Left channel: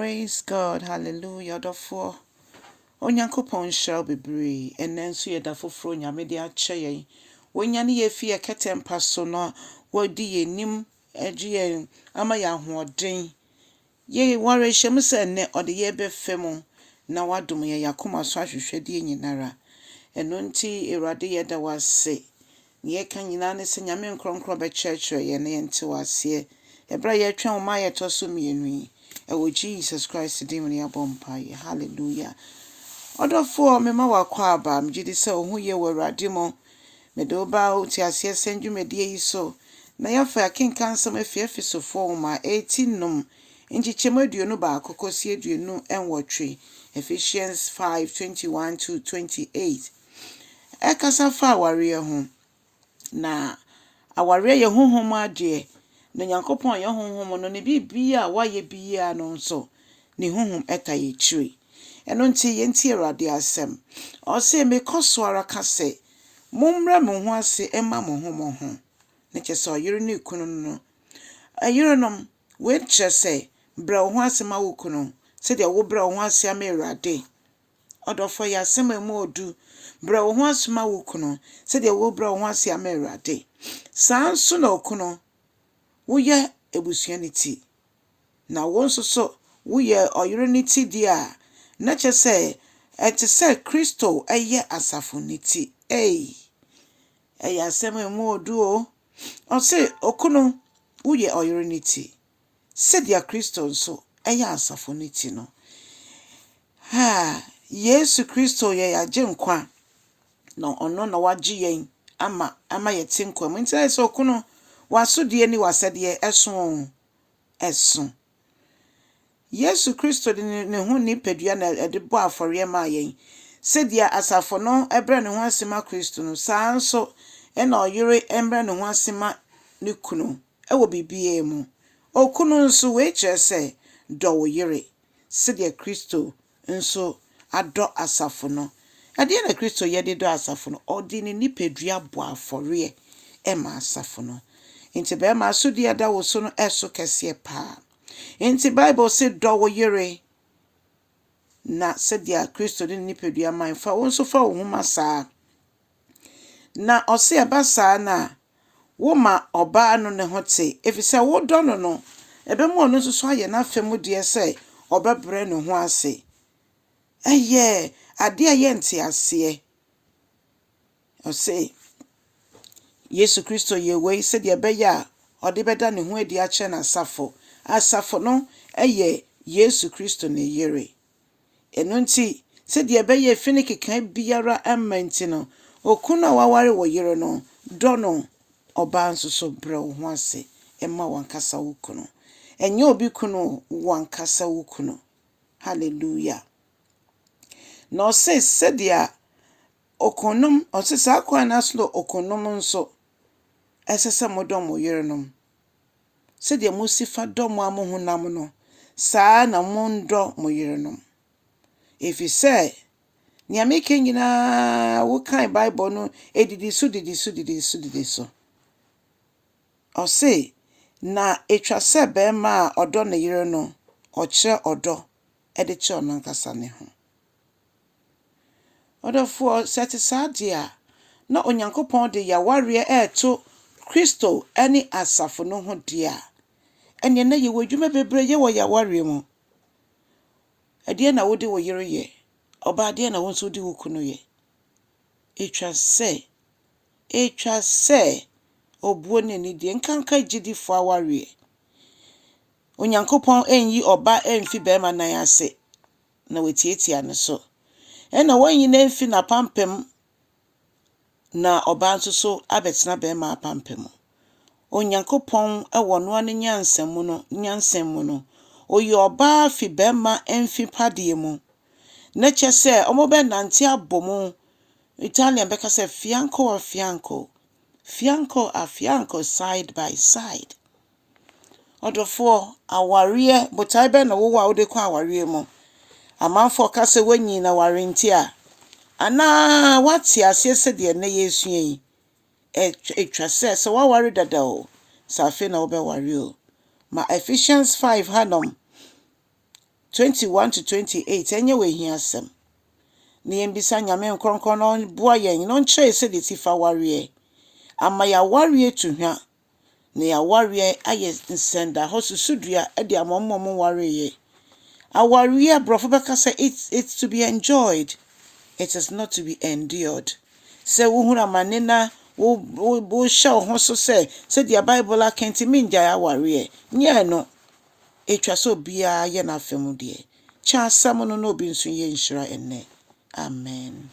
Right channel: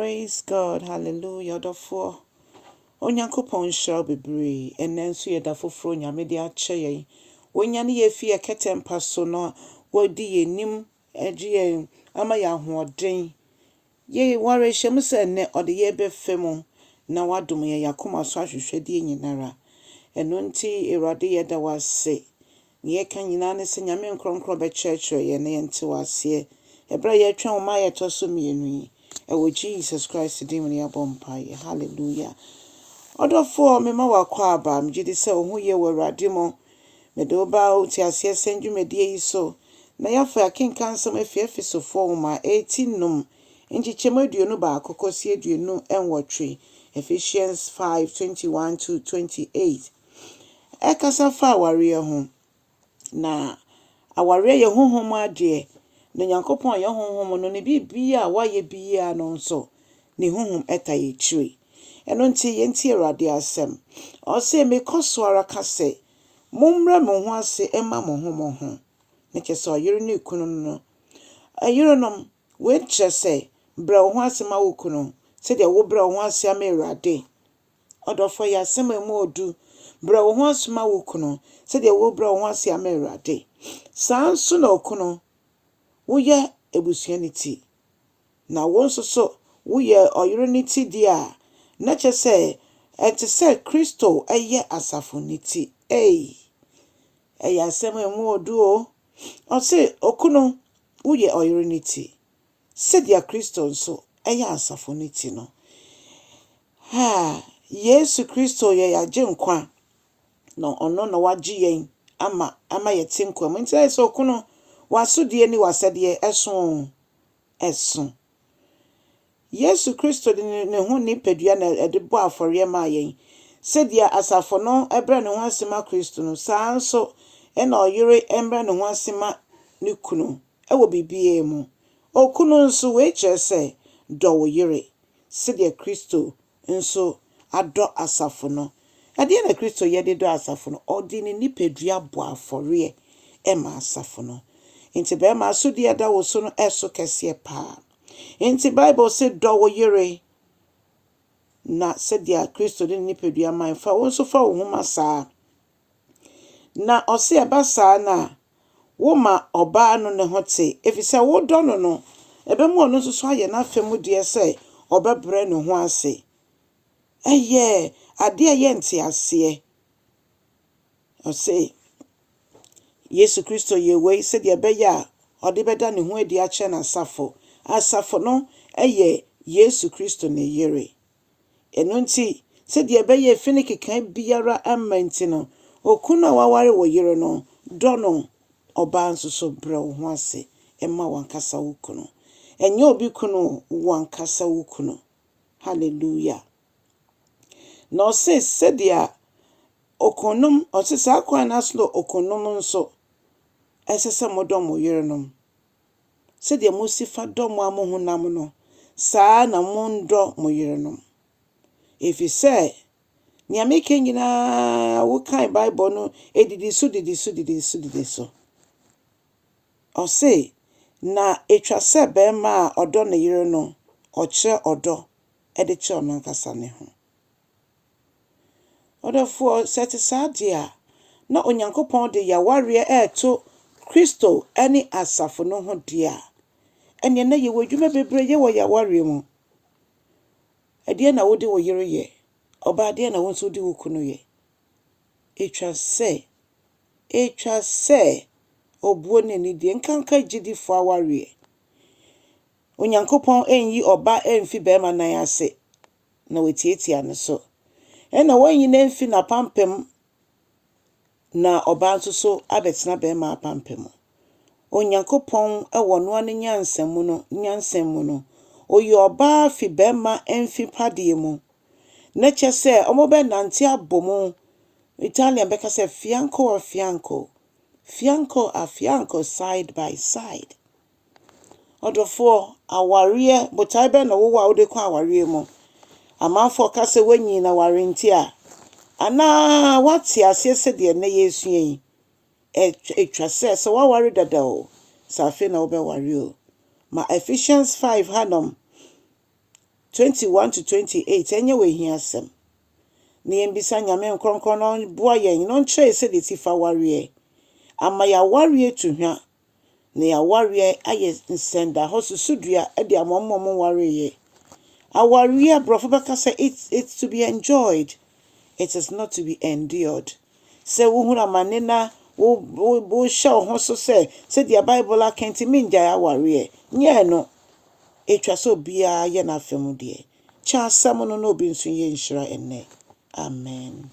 Praise God, hallelujah, Odofo. Onyankopon shall be brave, and then so yeda foforo nyame de ache yen. Wonya ne ye fie ketempa so no, wodi ye nim eje ama ya hoɔden. Ye ware hyem se ne ode ye befemu na wadom ye yakoma so ahwehwede nyinara. Eno nti Awurade yeda wase. Ye kan nyina ne se nyame nkronkro be kyerɛkyerɛ ye ne nte wase. Ebra ye twa wo ma ye to so mienu. Ewo Jesus Christ dim ne abompa. Hallelujah. Odofo me ma wakwa aba mjidi se ohu ye Awurade mo. Me do ba o ti ase senju medie yi so. Na yafa akenkan sam Efesofoɔ ma 18 num. Nchichemu aduonu ba akokosi aduonu enwotwe. Ephesians 5:21 to 28. Ekasa fa awareɛ ho. Na awareɛ ye Homhom adeɛ. Na Nyankopɔn ye Homhom no ne bibia waye bia no nso ne Homhom eta ye chiri. Eno nti yenti Awurade asem. Ose me koswara kase. Mumra mo ho ase ema mo ho. Ne kyese oyere ne kunu no. Ayere nom we kyese bra wo ho ase ma wo kunu. Se de wo bra wo ho ase ama Awurade. Odofo ya asem emu odu. Bra wo ho ase ma wo kunu. Se de wo bra wo ho ase ama Awurade. Saa nso na okunu wo ye ebusuaniti. Na wo nso so wo ye oyere ne ti dia. Na kyese ete se Kristo eye asafoniti. Eye asem emu odu o. Ose okunu wo ye oyere ne ti. Se dia Kristo nso eye asafoniti no. Yesu Kristo ye yaje nkwa. No ono na waji yen ama yete nkwa. Nti se okunu wasodie ni wasede eson. Yesu Kristo de ne ho ni padua na edebo afore ma yen. Se dia asafo no ebre ne ho asema Kristo no saa nso na oyere embre ne ho asema ne kunu. Ewo bibie mu. Okunu nso we kyerese do wo yere. Se dia Kristo nso ado asafo no. Ade na Kristo ye de do asafo no. Odi ne nipadua bo afore ma asafo no. Nti be ma asodie da wo so no eso kese pa. Inti Bible say do wo yere na said dia Kristo de nipadua man fa wo so fa wo homa saa na ose abasa na wo ma oba no ne hote efisa wo do no ebe mu ono so aye na afemu de say obabre ne ho ase eye ade aye nti ase ose Yesu Kristo ye we said dia be ya ode beda ne ho adi a che na asafo no eye Yesu Kristo ne yere. Eno nti se de be ye fini keka biara amanti no okuna waware wo yere no do no oba nso so bre wo ho ase ema wankasa wo kunu. Enye obi kunu wankasa wo kunu. Hallelujah. No se dia okunum osisa akwa na slo okunum nso esese modom wo yere no. Se de musifa dom amohunam no saa na mundo mo yere no. If you say nyame ke nyina wo kan Bible no edidi so o say na etwa se be ma odo ne yere no o kire odo e de kire ono nkasa ne ho. Odofo set sadia na Onyankopon de yaware to Kristo ani asafo no ho dia. Ene na ye wadwuma bebre ye wo yaware mu. Ade na wode wo yere ye. Oba ade na won so di wo kunu ye. Etwa se obuo ne ni de nkanka gidifo aware. Onyankopon enyi oba emfi be ma nan ase na wetietia ne so. Ena wanyi na emfi na pampem na oba nso so abetena be ma pampem. Onyankopon ewo no ane nyansem mu no oyi oba fi be ma emfi pade mu na kyese omobe nante abomu Italian beka se fianco side by side. Odofo awareɛ botai be na wo wa wo de kwa awareɛ mu amanfo ka se wanyi na warenti a ana wati ase se de na Yesu yi etwa se wa ware dada o sa fe na wo be ware o ma Ephesians 5 hanom 21 to 28 ɛnyɛ wɔ hia asɛm. Na yɛmbisa Nyame nkronkron no boa yɛn no nkyerɛ sɛ de tifa awareɛ. Ama yɛawareɛ tu hwa. Na yɛawareɛ ayɛ nsɛnda hɔ susudua de ama ɔmo wareɛ. Awareɛ Aborɔfo bɛka sɛ it's to be enjoyed. It is not to be endured. Sɛ wohunu amane na wohyɛ wo ho so sɛdeɛ Bible aka nti mengyae awareɛ. Nyɛ no. Ɛtwa sɛ obiara yɛ n'afa mu deɛ. Kyɛ asɛm no na obi nso yɛ nhyira ɛnnɛ. Amen.